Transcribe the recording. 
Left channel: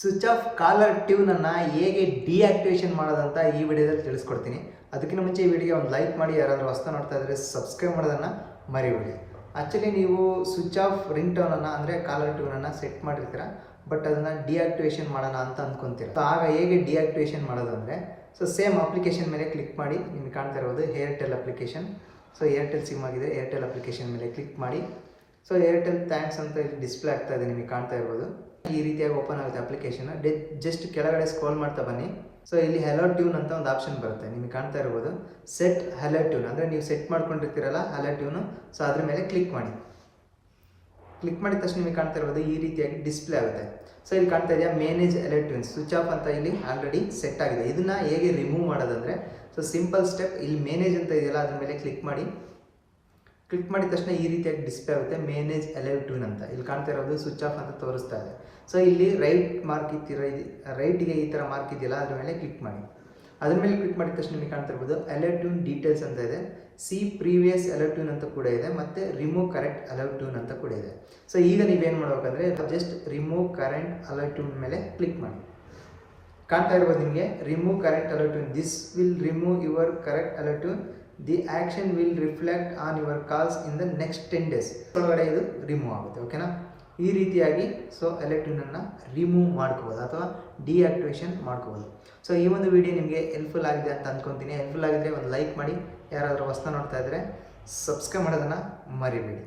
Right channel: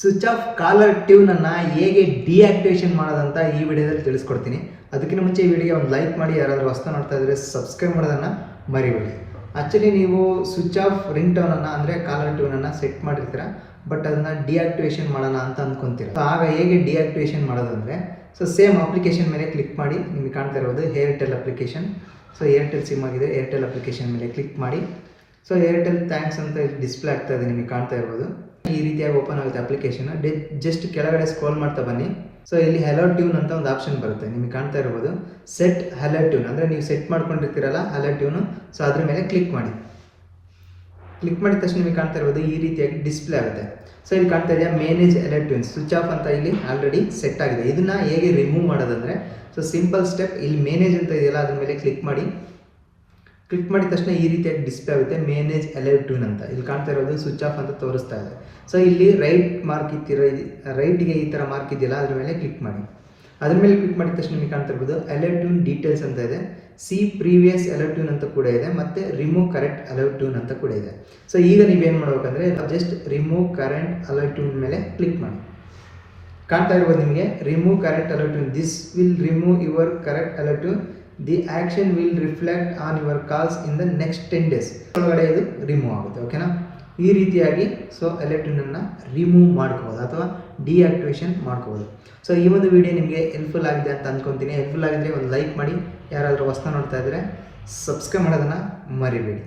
Switch off collar ಟ್ಯೂನನ್ನು ಹೇಗೆ ಡಿಆಕ್ಟಿವೇಷನ್ ಮಾಡೋದಂತ ಈ ವಿಡಿಯೋದಲ್ಲಿ ತಿಳಿಸ್ಕೊಡ್ತೀನಿ. ಅದಕ್ಕಿಂತ ಮುಂಚೆ ಈ ವಿಡಿಯೋಗೆ ಒಂದು ಲೈಕ್ ಮಾಡಿ, ಯಾರಾದರೂ ಹೊಸ್ತಾ ನೋಡ್ತಾ ಇದ್ದರೆ ಸಬ್ಸ್ಕ್ರೈಬ್ ಮಾಡೋದನ್ನು ಮರಿಬೇಡಿ. ಆ್ಯಕ್ಚುಲಿ ನೀವು ಸ್ವಿಚ್ ಆಫ್ ರಿಂಗ್ ಟೋನನ್ನು ಅಂದರೆ ಕಾಲರ್ ಟ್ಯೂನನ್ನು ಸೆಟ್ ಮಾಡಿರ್ತೀರ, ಬಟ್ ಅದನ್ನು ಡಿಆಕ್ಟಿವೇಷನ್ ಮಾಡೋಣ ಅಂತ ಅಂದ್ಕೊತೀರ. ಸೊ ಆಗ ಹೇಗೆ ಡಿಆಕ್ಟಿವೇಷನ್ ಮಾಡೋದಂದರೆ, ಸೊ ಸೇಮ್ ಅಪ್ಲಿಕೇಶನ್ ಮೇಲೆ ಕ್ಲಿಕ್ ಮಾಡಿ. ನಿಮಗೆ ಕಾಣ್ತಾ ಇರೋದು Airtel application. So Airtel sim ಆಗಿದೆ, ಏರ್ಟೆಲ್ ಅಪ್ಲಿಕೇಶನ್ ಮೇಲೆ ಕ್ಲಿಕ್ ಮಾಡಿ. ಸೊ ಏರ್ಟೆಲ್ ಥ್ಯಾಂಕ್ಸ್ ಅಂತ ಡಿಸ್ಪ್ಲೇ ಆಗ್ತಾ ಇದೆ, ನಿಮಗೆ ಕಾಣ್ತಾ ಇರ್ಬೋದು. ಈ ರೀತಿಯಾಗಿ ಓಪನ್ ಆಗುತ್ತೆ ಅಪ್ಲಿಕೇಶನ್. ಜಸ್ಟ್ ಕೆಳಗಡೆ ಸ್ಕ್ರೋಲ್ ಮಾಡ್ತಾ ಬನ್ನಿ. ಸೊ ಇಲ್ಲಿ ಹೆಲೋ ಟ್ಯೂನ್ ಅಂತ ಒಂದು ಆಪ್ಷನ್ ಬರುತ್ತೆ, ನಿಮಗೆ ಕಾಣ್ತಾ ಇರ್ಬೋದು. ಸೆಟ್ ಹೆಲೋ ಟ್ಯೂನ್ ಅಂದರೆ ನೀವು ಸೆಟ್ ಮಾಡ್ಕೊಂಡಿರ್ತೀರಲ್ಲ ಹೆಲೋ ಟ್ಯೂನು. ಸೊ ಅದ್ರ ಮೇಲೆ ಕ್ಲಿಕ್ ಮಾಡಿ. ಕ್ಲಿಕ್ ಮಾಡಿದ ತಕ್ಷಣ ನಿಮಗೆ ಕಾಣ್ತಾ ಇರ್ಬೋದು ಈ ರೀತಿಯಾಗಿ ಡಿಸ್ಪ್ಲೇ ಆಗುತ್ತೆ. ಸೊ ಇಲ್ಲಿ ಕಾಣ್ತಾ ಇದೆಯಾ manage hello tunes switch off ಅಂತ ಇಲ್ಲಿ ಆಲ್ರೆಡಿ ಸೆಟ್ ಆಗಿದೆ. ಇದನ್ನು ಹೇಗೆ ರಿಮೂವ್ ಮಾಡೋದಂದರೆ, ಸೊ ಸಿಂಪಲ್ ಸ್ಟೆಪ್, ಇಲ್ಲಿ ಮೇನೇಜ್ ಅಂತ ಇದೆಯಲ್ಲ ಅದ್ರ ಮೇಲೆ ಕ್ಲಿಕ್ ಮಾಡಿ. ಕ್ಲಿಕ್ ಮಾಡಿದ ತಕ್ಷಣ ಈ ರೀತಿಯಾಗಿ ಡಿಸ್ಪ್ಲೇ ಆಗುತ್ತೆ ಮೇನೇಜ್ ಹೆಲೋ ಟ್ಯೂನ್ ಅಂತ. ಇಲ್ಲಿ ಕಾಣ್ತಾ ಇರೋದು ಸ್ವಿಚ್ ಆಫ್ ಅಂತ ತೋರಿಸ್ತಾ ಇದೆ. ಸೊ ಇಲ್ಲಿ ರೈಟ್ ಮಾರ್ಕ್ ರೈಟ್ಗೆ ಈ ಥರ ಮಾರ್ಕ್ ಇದೆಯಲ್ಲ ಅದ್ರ ಮೇಲೆ ಕ್ಲಿಕ್ ಮಾಡಿ. ಅದ್ರ ಮೇಲೆ ಕ್ಲಿಕ್ ಮಾಡಿದ ತಕ್ಷಣ ನಿಮಗೆ ಕಾಣ್ತಾ ಇರ್ಬೋದು ಹೆಲೋ ಟ್ಯೂನ್ ಡೀಟೇಲ್ಸ್ ಅಂತ ಇದೆ, ಸಿ ಪ್ರೀವಿಯಸ್ ಹೆಲೋ ಟ್ಯೂನ್ ಅಂತ ಕೂಡ ಇದೆ, ಮತ್ತು ರಿಮೂವ್ ಕರೆಕ್ಟ್ ಹೆಲೋ ಟ್ಯೂನ್ ಅಂತ ಕೂಡ ಇದೆ. ಸೊ ಈಗ ನೀವೇನು ಮಾಡ್ಬೇಕಂದ್ರೆ just remove current hello tune ಮೇಲೆ ಕ್ಲಿಕ್ ಮಾಡಿ. ಕಾಣ್ತಾ ಇರ್ಬೋದು ನಿಮಗೆ remove correct hello tune, this will remove your correct hello tune, the action will reflect on your calls in the next 10 days ಒಳಗಡೆ ಇದು ರಿಮೂವ್ ಆಗುತ್ತೆ. ಓಕೆನಾ? ಈ ರೀತಿಯಾಗಿ ಸೊ ಹೆಲೋ ಟ್ಯೂನನ್ನು ರಿಮೂವ್ ಮಾಡ್ಕೋಬೋದು ಅಥವಾ ಡಿಆಕ್ಟಿವೇಷನ್ ಮಾಡ್ಕೋಬೋದು. ಸೊ ಈ ಒಂದು ವಿಡಿಯೋ ನಿಮಗೆ ಹೆಲ್ಪ್ಫುಲ್ ಆಗಿದೆ ಅಂತ ಅಂದ್ಕೊತೀನಿ. ಹೆಲ್ಪ್ಫುಲ್ ಆಗಿದ್ರೆ ಒಂದು ಲೈಕ್ ಮಾಡಿ, ಯಾರಾದರೂ ಹೊಸ್ತಾ ನೋಡ್ತಾ ಇದ್ದರೆ ಸಬ್ಸ್ಕ್ರೈಬ್ ಮಾಡೋದನ್ನು ಮರಿಬೇಡಿ.